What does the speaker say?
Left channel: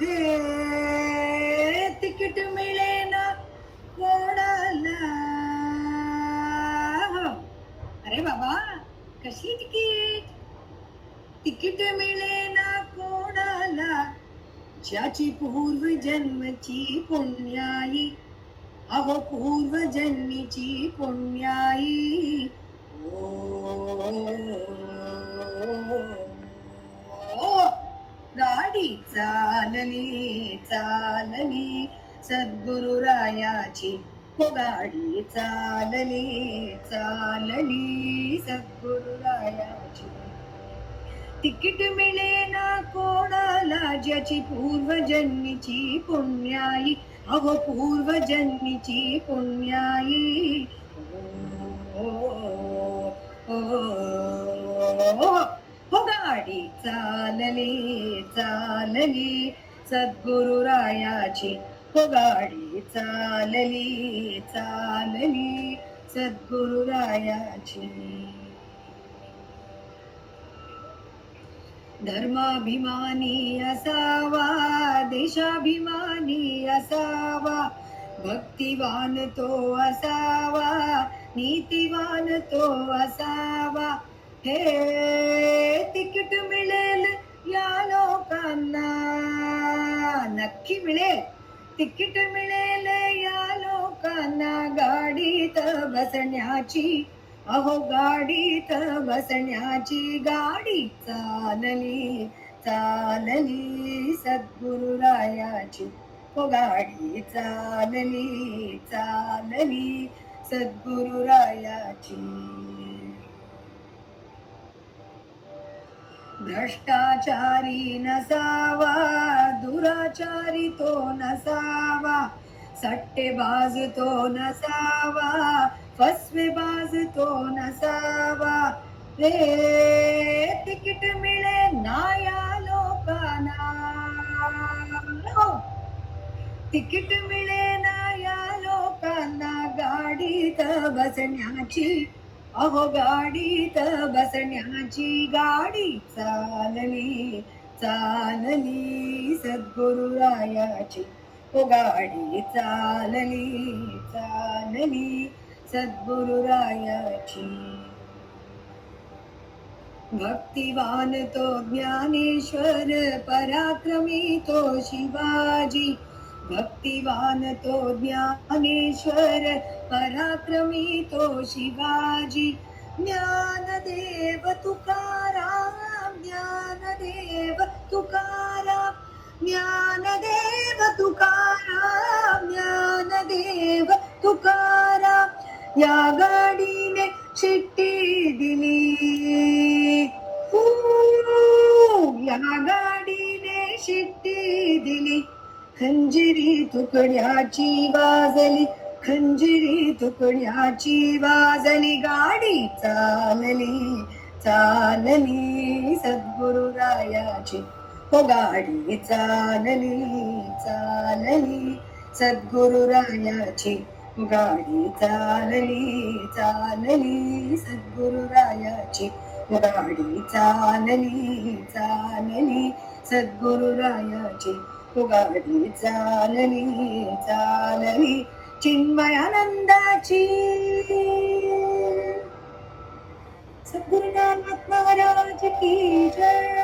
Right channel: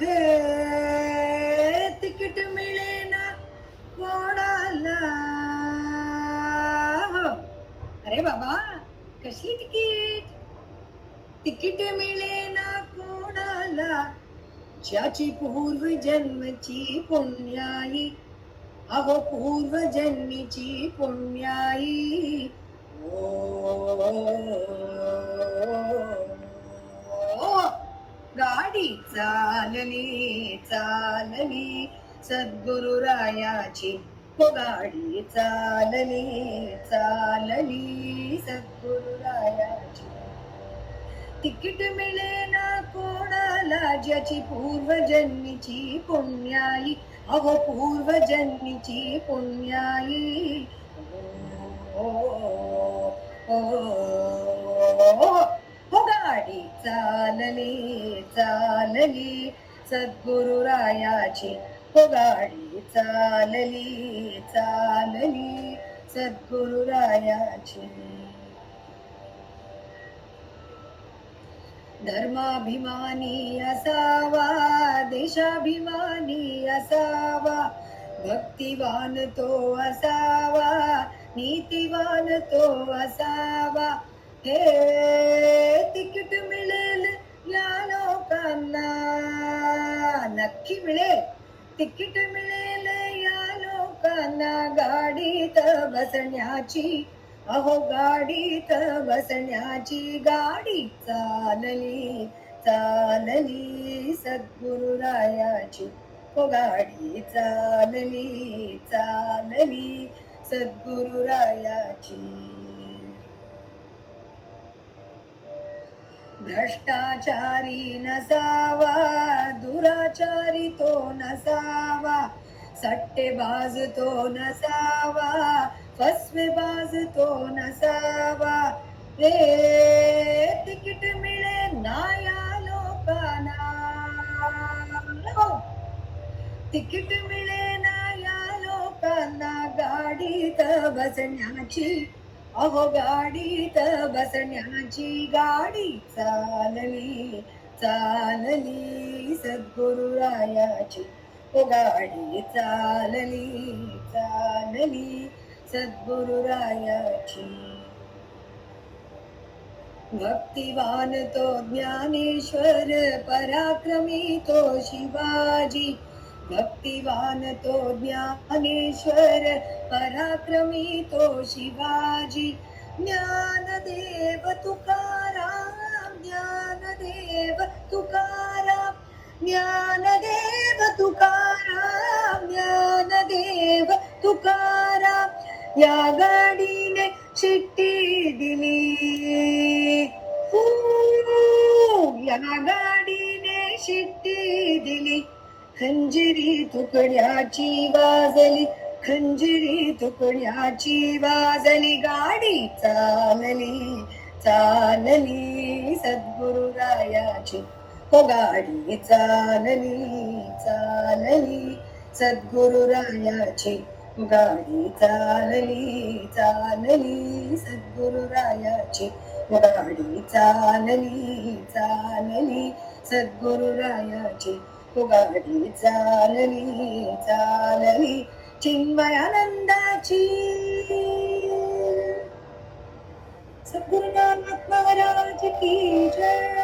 हे तिकीट मिळेना कोणाला. अरे बाबा, कसली तिकीट? तिकीट मिळेना कोणाला, ज्याची पूर्वजन्मची पुण्याई. अहो पूर्वजन्मीची पुण्याई. ओ गाडी चालली चालली सद्गुरुरायाची. हो गाडी चालली चालली सद्गुरुरायाची. तिकीट मिळेना कोणाला, ज्याची पूर्वजन्मीची पुण्याई. अहो पूर्वजन्मीची पुण्याई. हो गाडी चालली चालली सद्गुरुरायाची. हो गाडी चालली चालली सद्गुरुरायाची. धर्माभिमानी असावा, देशाभिमानी असावा, भक्तिवान तो असावा, नीतिवान तो असावा. हे तिकीट मिळेल या लोकांना, नक्की मिळेल. तिकीट मिळेल या लोकांना गाडीत बसण्याची. अहो गाडीत बसण्याची. गाडी चालली चालली सद्गुरुरायाची. हो गाडी चालली चालली सद्गुरुरायाची. भ्रष्टाचारी नसावा, दुराचारी तो नसावा, सट्टेबाज तो नसावा, फसवेबाज तो नसावा. रे तिकीट मिळे ना या लोकांना. तिकीट मिळे ना या लोकांना गाडीत बसण्याची. अहो गाडीत बसण्याची. गाडी चालली चालली सद्गुरुरायाची. हो गाडी चालली चालली सद्गुरुरायाची. भक्तिवान तो ज्ञानेश्वर, पराक्रमी तो शिवाजी. भक्तिवान तो ज्ञानेश्वर, पराक्रमी तो शिवाजी. ज्ञानदेव तुकाराम, ज्ञानदेव तुकाराम, ज्ञानदेव तुकाराम, ज्ञानदेव तुकाराम. या गाडीने शिट्टी दिली, या गाडीने शिट्टी दिली. खंजिरी तुकड्याची वाजली, खंजिरी तुकड्याची वाजली. गाडी चालली चालली सद्गुरुरायाची. हो गाडी चालली चालली सद्गुरुरायाची. गाडी चालली चालली सद्गुरुरायाची. गाडी चालली चालली सद्गुरुरायाची. गाडी चालली चालली चिन्मयानंदाची. सद्गुरुनाथ महाराज की जय.